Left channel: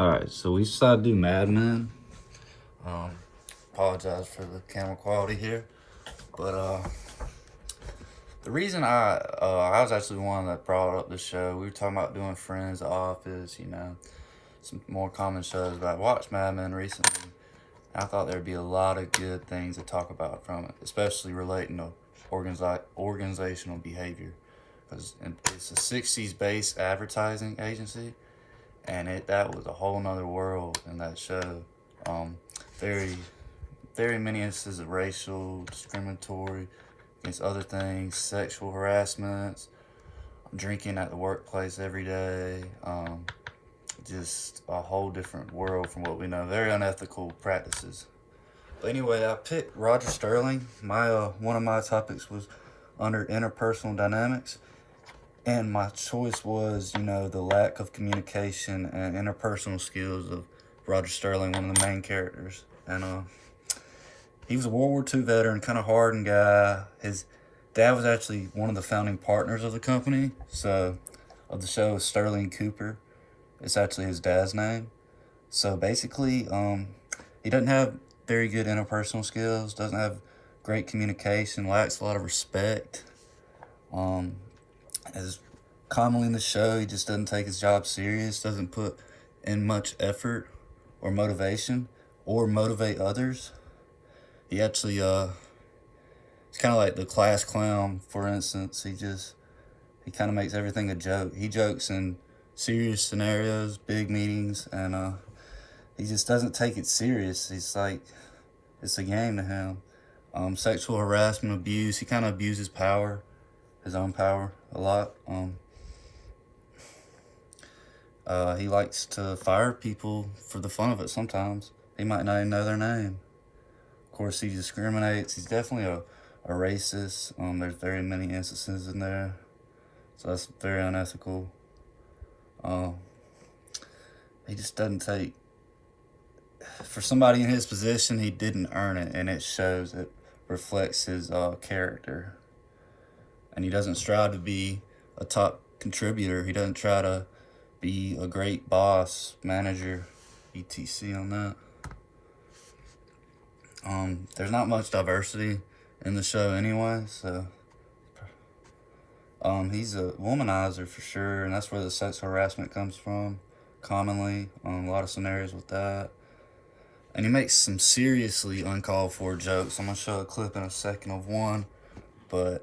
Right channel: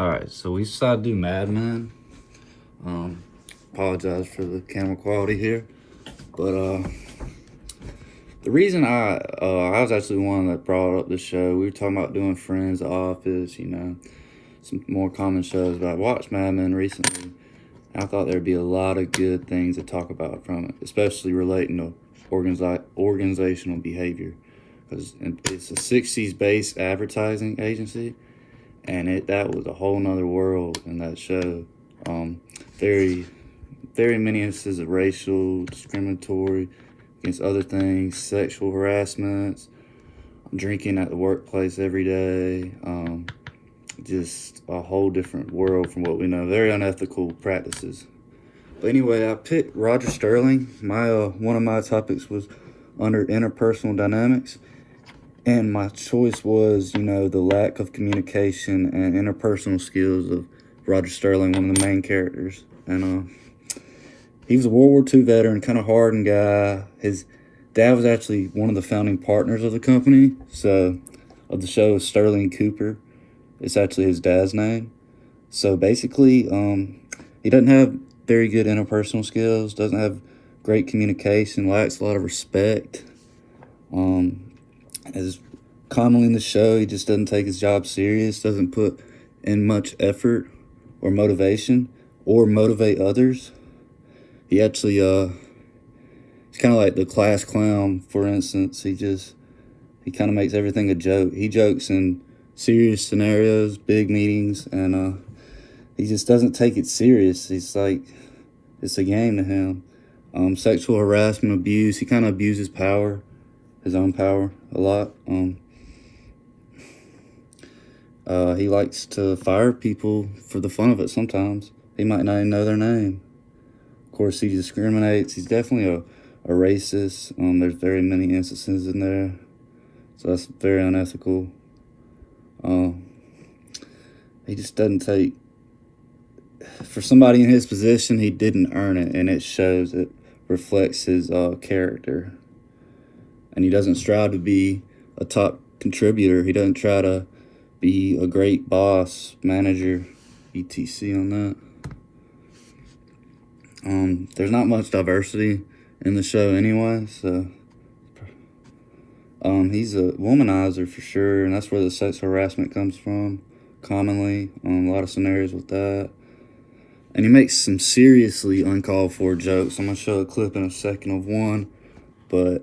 Alright, so we decided to do Mad Men. Apologize for the camera quality here. But the reason I was actually the one that brought up the show. We were talking about doing Friends, The Office, you know, some more common shows. But I watched Mad Men recently. And I thought there'd be a lot of good things to talk about from it, especially relating to organizational behavior. Because it's a 60s based advertising agency. And that was a whole nother world in that show. Very many instances of racial, discriminatory against other things, sexual harassments, drinking at the workplace every day, just a whole different world from what we know. Very unethical practices. But anyway, I picked Roger Sterling. One of my topics was under interpersonal dynamics. And my choice was, you know, the lack of communication and interpersonal skills of Roger Sterling, one of the main characters. And he was a World War II veteran, kind of hardened guy. His dad was actually one of the founding partners of the company. So, of the show is Sterling Cooper. It's actually his dad's name. So basically, he doesn't have very good interpersonal skills, doesn't have great communication, lacks a lot of respect. As commonly in the show, he just doesn't take his job serious, doesn't put in much effort or motivation or motivate others. He actually, he's kind of like the class clown, for instance. He kind of makes everything a joke. He jokes in serious scenarios, big meetings, and he just doesn't take it serious. He's like, it's a game to him. Sexual harassment, abuse, he kind of abuses power. His own power a lot. He likes to fire people for the fun of it sometimes. He might not even know their name. Of course, he discriminates. He's definitely a racist. There's very many instances in there. So that's very unethical. He just doesn't take... For somebody in his position, he didn't earn it, and it shows. It reflects his character. And he doesn't strive to be a top contributor. He doesn't try to be a great boss, manager, etc. on that. There's not much diversity in the show anyway, so he's a womanizer for sure, and that's where the sexual harassment comes from, commonly. A lot of scenarios with that. And he makes some seriously uncalled for jokes. I'm going to show a clip in a second of one, but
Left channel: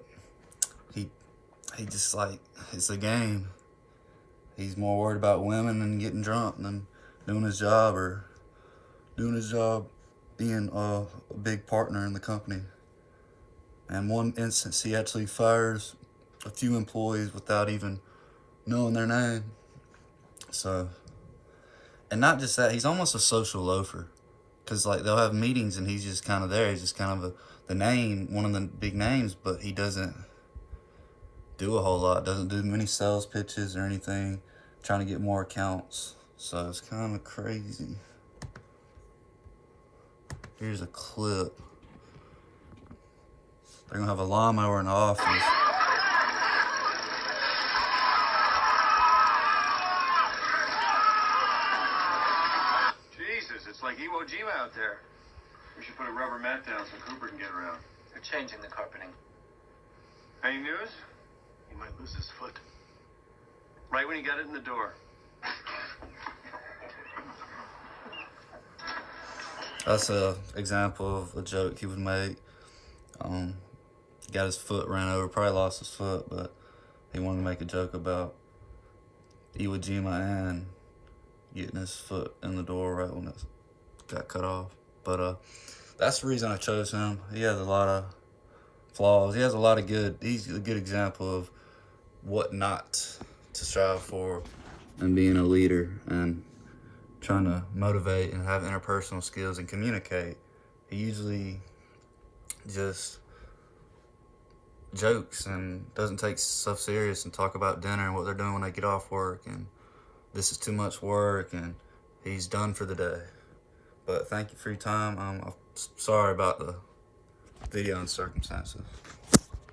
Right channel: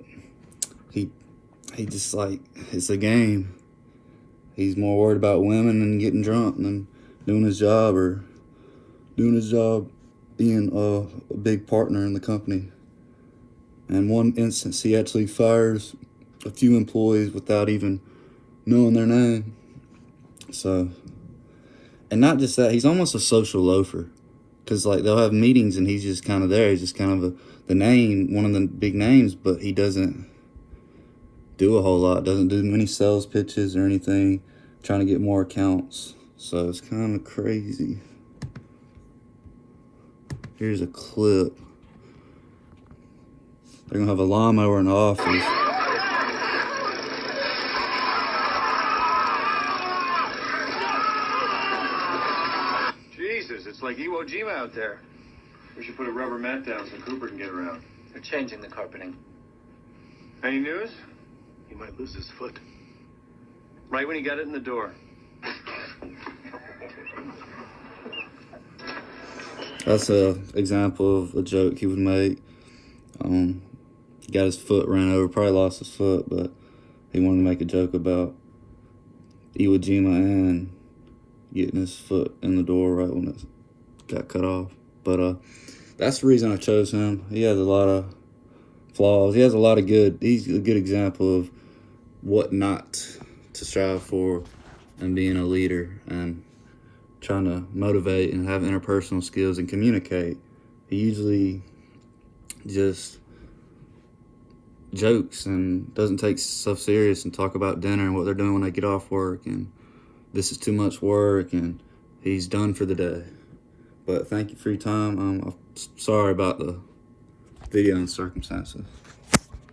he just like, it's a game. He's more worried about women and getting drunk than doing his job being a big partner in the company. And one instance, he actually fires a few employees without even knowing their name. So, and not just that, he's almost a social loafer. Because like they'll have meetings and he's just kind of there. He's just kind of the name, one of the big names, but he doesn't do a whole lot, doesn't do many sales pitches or anything, trying to get more accounts. So it's kind of crazy. Here's a clip. They're gonna have a lawnmower in the office. Jesus, it's like Iwo Jima out there. We should put a rubber mat down so Cooper can get around. They're changing the carpeting. Any news? He might lose his foot. Right when he got it in the door. That's an example of a joke he would make. He got his foot ran over, probably lost his foot, but he wanted to make a joke about Iwo Jima and getting his foot in the door right when it got cut off. But that's the reason I chose him. He has a lot of flaws. He has a lot of good. He's a good example of what not to strive for and being a leader and trying to motivate and have interpersonal skills and communicate. He usually just jokes and doesn't take stuff serious and talk about dinner and what they're doing when they get off work and this is too much work and he's done for the day. But thank you for your time. I'm sorry about the video and circumstances.